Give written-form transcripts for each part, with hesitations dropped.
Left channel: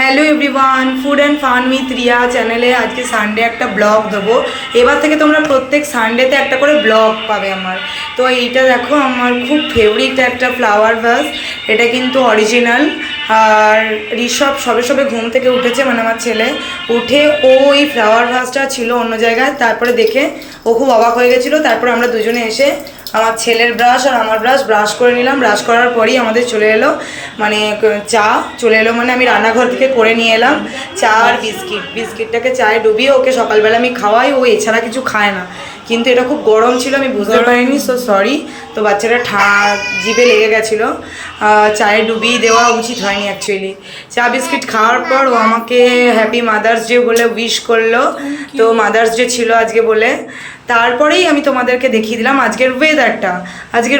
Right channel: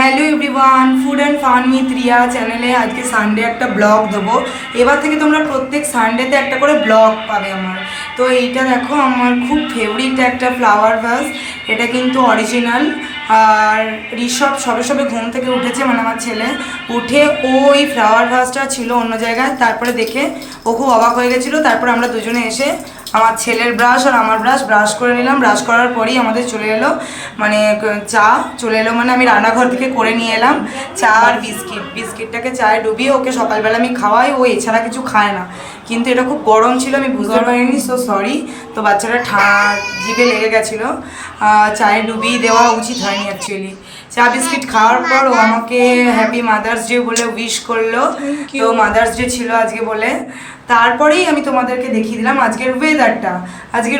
Hello everyone, food and fun with Riya চ্যানেলে আজকে Sunday একটা ব্লগ দেবো। এবার থেকে তোমরা প্রত্যেক সানডেতে একটা করে ব্লগ পাবে আমার। তো এইটা দেখো, আমার খুব ফেভারিট একটা ফ্লাওয়ার ভাস। এটা কিন্তু অরিজিনাল। আর ঋষভ সবে সবে ঘুম থেকে উঠেছে, মানে আমার ছেলে উঠে ও এই ফ্লাওয়ার ভাসটা ছিল অন্য জায়গায়, তারপরে দেখে ও খুব অবাক হয়ে গেছিলো। তারপর আমরা দুজনে এসে আমার ছেলের ব্রাশ আর আমার ব্রাশ করে নিলাম। ব্রাশ করার পরই আমাদের চলে এলো মানে চা চলে এলো, মানে আমি রান্নাঘর থেকে করে নিয়ে এলাম চা আর বিস্কিটটাকে চায়ে ডুবিয়ে ওকে সকালবেলা আমি খাওয়াই। ও এছাড়া কিছু খায় না, কিন্তু এটা খুব গরম ছিল, আমি বুঝতে পারিনি, সো সরি। তো বাচ্চাটা জিভে লেগে গেছিলো। চায়ে ডুবিয়ে দেওয়া উচিত হয়নি অ্যাকচুয়ালি। চা বিস্কিট খাওয়ার পর ও আমাকে হ্যাপি মাদার্স ডে বলে উইশ করলো। তো মাদার্স ডে ছিল আজকে বলে। তারপরেই আমি তোমাদেরকে দেখিয়ে দিলাম আজকের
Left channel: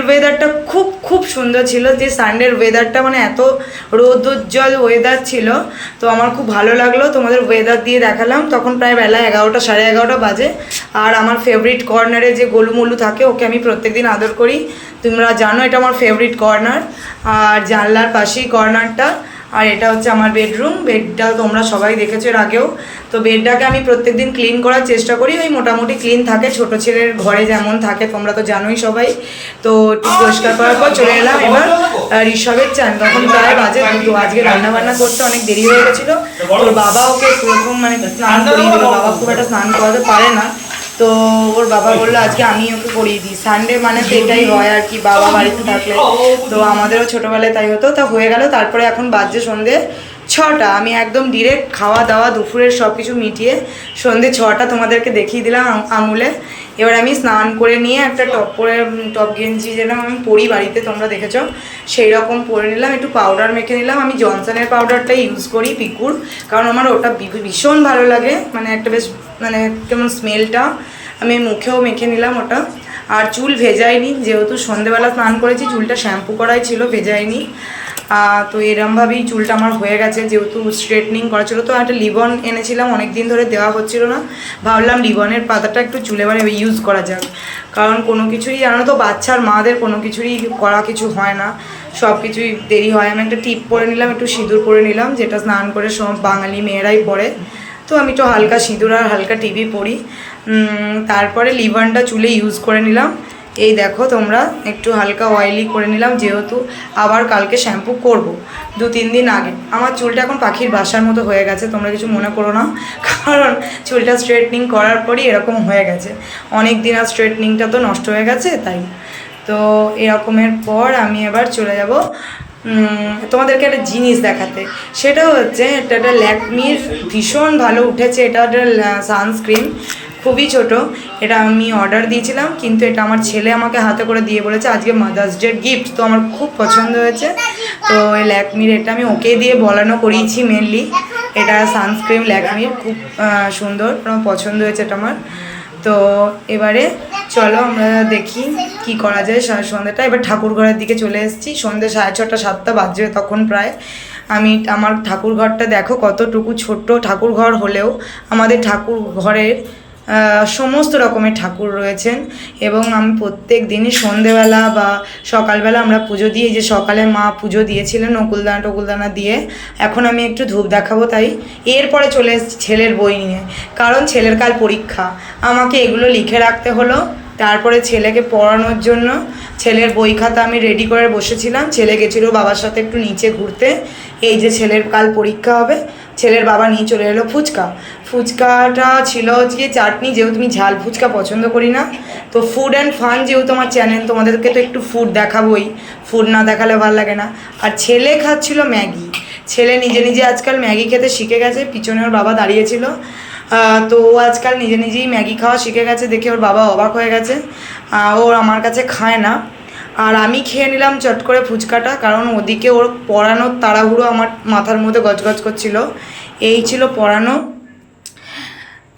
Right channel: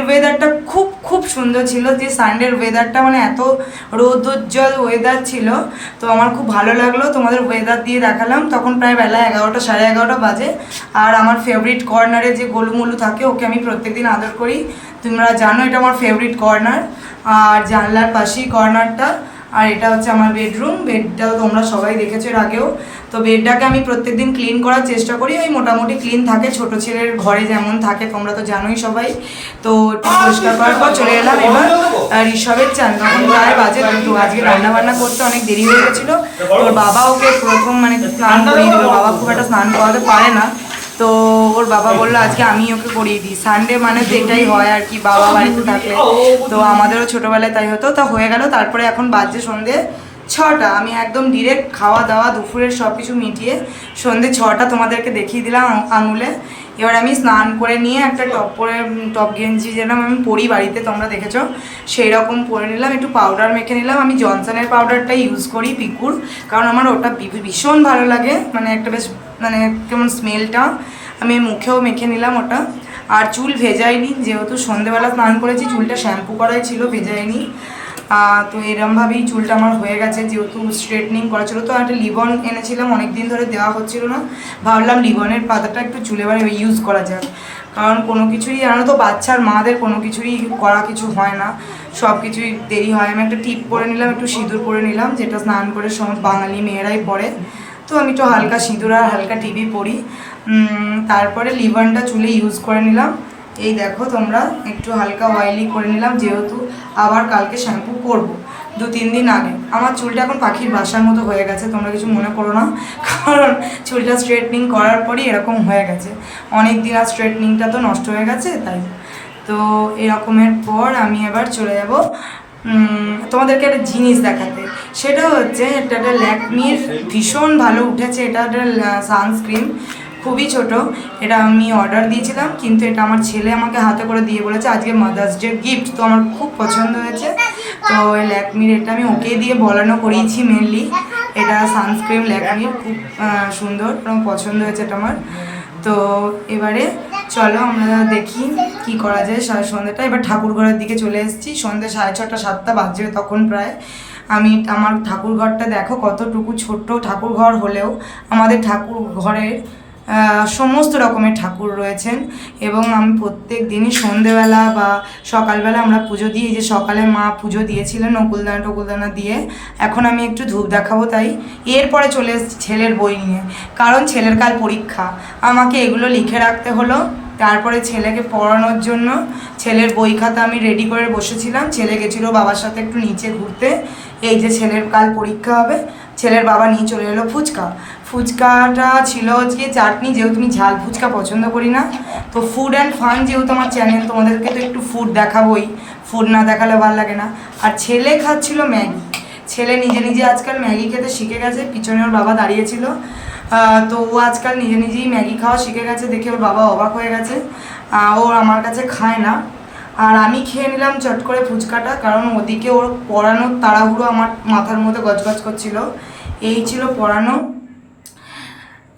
ওয়েদারটা খুব খুব সুন্দর ছিল। যে সানডের ওয়েদারটা মানে এত রৌদ্রোজ্জ্বল ওয়েদার ছিল, তো আমার খুব ভালো লাগলো। তোমাদের ওয়েদার দিয়ে দেখালাম। তখন প্রায় বেলা 11টা, সাড়ে 11টা বাজে। আর আমার ফেভারিট কর্নারে যে গোলুমলু থাকে, ওকে আমি প্রত্যেকদিন আদর করি, তোমরা জানো এটা আমার ফেভারিট কর্নার। আর জানলার পাশেই কর্নারটা। আর এটা হচ্ছে আমার বেডটা তোমরা সবাই দেখেছো এর আগেও। তো বেডটাকে আমি প্রত্যেকদিন ক্লিন করার চেষ্টা করি, ওই মোটামুটি ক্লিন থাকে, ছোটো ছেলের ঘরে যেমন থাকে তোমরা তো জানোই সবাই। তো একটু পরিষ্কার করার পর চলে এলাম এবার ঋষভের চান। তখন প্রায় বাজে 2। আজকে রান্নাবান্না করতে অনেক দেরি হয়ে গেছিলো। তোর বাবা ওকে প্রথম মানে স্নান করিয়ে দিল। বাবা খুব একটা স্নান করাতে পারে না, তো ওর বাবা বললো আজকে আমি ওকে করিয়ে দিই। সানডে মানে তো এটাই হয় আর কি, বাবা বাড়িতে থাকলে। তো আমাদেরও ছোটোবেলায় তাই হতো। তা হয়ে গেল। তারপরে এখন বাজছে সন্ধে 6টা। আমি একদম ডিরেক্ট খাওয়া দাওয়া দুপুরের সব কিছু মিটিয়ে সন্ধে 6টা তোমাদেরকে দেখিয়ে দিলাম আঙুলে। এবার আমি স্নান করে নিয়ে একটা টপ গেঞ্জি যেন আমি পরি বাড়িতে, তোমরা দেখেছো, সেই রকম পরে নিলাম। একটু পাউডার মেখে নিলাম। আমি জনসনের পাউডারটাই ইউজ করি, পিকুর, কারণ আমার ওটা ভীষণ ভালো লাগে, মানে একটা বেশ মানে কেমন স্মেলটা। আমি মুখেও মেখে নিলাম ওটা। আর চুল ভেজাইনি, যেহেতু সন্ধেবেলা স্নান করেছি, চুলটা শ্যাম্পু করাই ছিল, ভেজাইনি। তো এরমভাবেই চুলটা আমার হয়ে গেছে, যেহেতু স্ট্রেটনিং করা ছিল। তো একটা লিবন এনেছিলাম, অনেক দিন ধরে দেওয়া হচ্ছিল না, ভাবলাম লিবনের পাতাটা একটু চুলে মানে ইউজ করা যাক। কারণ কোনো কিছুরই জানো তো, বাচ্চার মাদের কোনো কিছুরই করা কিছু হয় না, সব কিছুই দেরি হয়। আমি একটা টিপ পরে নিলাম, একটু সিঁদুর পরে নিলাম, যেটা স্নান করে সব বাঙালি মেয়েরাই পরে। তো আমি একটু হালকা সিঁদুর আর হালকা টিভি পরি। তারপরে লিভানটা চুলে ইউজ করে নিলাম। এই দেখো তোমরা, একটু হালকা অয়েলি করে নিলাম, যেহেতু আবার কালকে শ্যাম্পু করব 2-3 দিন আগে। আমার চুলটা এখন পাখির বাসার মতো হয়ে গেছে, তোমরা কিছু মনে করো না, কারণ চুলটা স্ট্রেটনিং করার পরই এরকম হয়ে গেছে। অনেক দিন আর স্ট্রেটনিংটা তো নষ্ট হয়ে গেছে, তাই। তো এরকমের পর আমি এবার চলে যাব তোমাদেরকে একটা জিনিস দেখাতে। সেটা হচ্ছে এটা একটা ল্যাকমির ভীষণ ভালো উঠেছে, এটা একটা সানস্ক্রিন, খুবই ছোট। এটা আমি অর্ডার দিয়েছিলাম, কিন্তু এটা আমার ছেলে আমাকে হাতে করে দিয়ে বলেছে আজকে মাদার্স ডে গিফট। তো আমার খুব পছন্দ হয়েছে। তো এই ল্যাকমির এটা আমি ওকে দিয়ে বলানো করিয়েছি মেনলি। এটা সানস্ক্রিন ল্যাকমির, খুব সুন্দর, আমার পছন্দ হয়েছে এটা আমার। তো এবারে চলো আমরা দেখি কি করা যায় সন্ধ্যেটা। এবার ঠাকুর ঘরের দিকে চলে এসেছি। সন্ধ্যে 6:30 7টা বাজবে তখন প্রায়। আমার ঠাকুর ঘরটা দেখো কতটুকু ছোট্ট ঠাকুর ঘর হলেও আমাদের ঠাকুর ঘরের সমস্ত রকমের ঠাকুর রয়েছেন। এবং আমি প্রত্যেক দিনই সন্ধেবেলা বা সকালবেলা আমরা পুজো দিই। যে সকালে মা পুজো দিয়েছিলেন টকুলদানা দিয়ে। এখন আমি একটু ধূপ দেখাবো, তাই এরপরে চলে এসেছি ছেলের বই নিয়ে, কারণ ছেলের কাল পরীক্ষা, আমাকে এগুলো লিখে রাখতে হলো। তারপরে ছেলেকে পড়ানোর জন্য ছেলের বই খাতা আমি রেডি করে বসেছিলাম। ছেলে গেছিলো বাবার সাথে একটু নিচে ঘুরতে। এই যে ছেলের কাল পরীক্ষা হবে, ছেলের বাবা নিয়ে চলে এলো ফুচকাটা ছিল আজকে চাটনি, যেহেতু আমি ঝাল ফুচকা পছন্দ করি না। তো ফুড অ্যান্ড ফান যেহেতু আমার চ্যানেল, তোমাদেরকে তো একটু ফুড দেখাবোই, ফুড না দেখালে ভালো লাগে না। আর ছেলে খাচ্ছিল ম্যাগি। ছেলে নিজে নিজে আজকাল ম্যাগি খেতে শিখে গেছে, পিছনে ওর বাবা দাঁড়িয়েছিল। তো ও আজকাল নিজে নিজেই ম্যাগি খাওয়া শিখে গেছে, দেখে ওর বাবা অবাক হয়ে গেছে। ও আমার কাছে খায় না। আর আমি খেয়ে নিলাম চট করে ফুচকাটা, কারণ ওদিকে ওর পড়ানোর তাড়াহুড়ো আমার মাথার মধ্যে গজগজ করছিল। এই ছিল পড়ানো।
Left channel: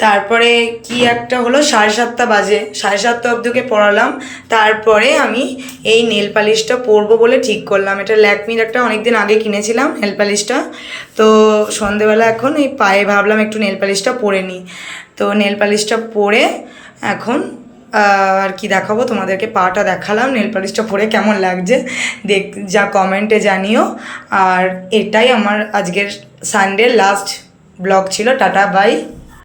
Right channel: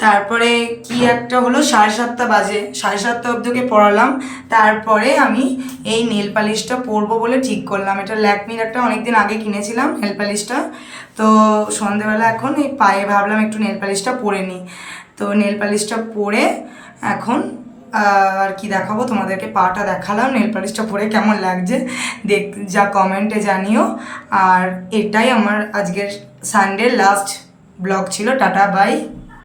তারপরে কি একটা হলো, 7:30 বাজে, 7:30 অবধিকে পড়ালাম। তারপরে আমি এই নেল পালিশটা পরবো বলে ঠিক করলাম। এটা ল্যাকমির একটা অনেক দিন আগে কিনেছিলাম নেল পালিশটা। তো সন্ধেবেলা এখন এই পায়ে ভাবলাম একটু নেল পালিশটা পরে নিই। তো নেল পালিশটা পরে এখন আর কি দেখাবো তোমাদেরকে, পাটা দেখালাম, নেল পালিশটা পরে কেমন লাগছে দেখ, যা কমেন্টে জানিও। আর এটাই আমার আজকের সানডে লাস্ট ব্লগ ছিল। Tata bye.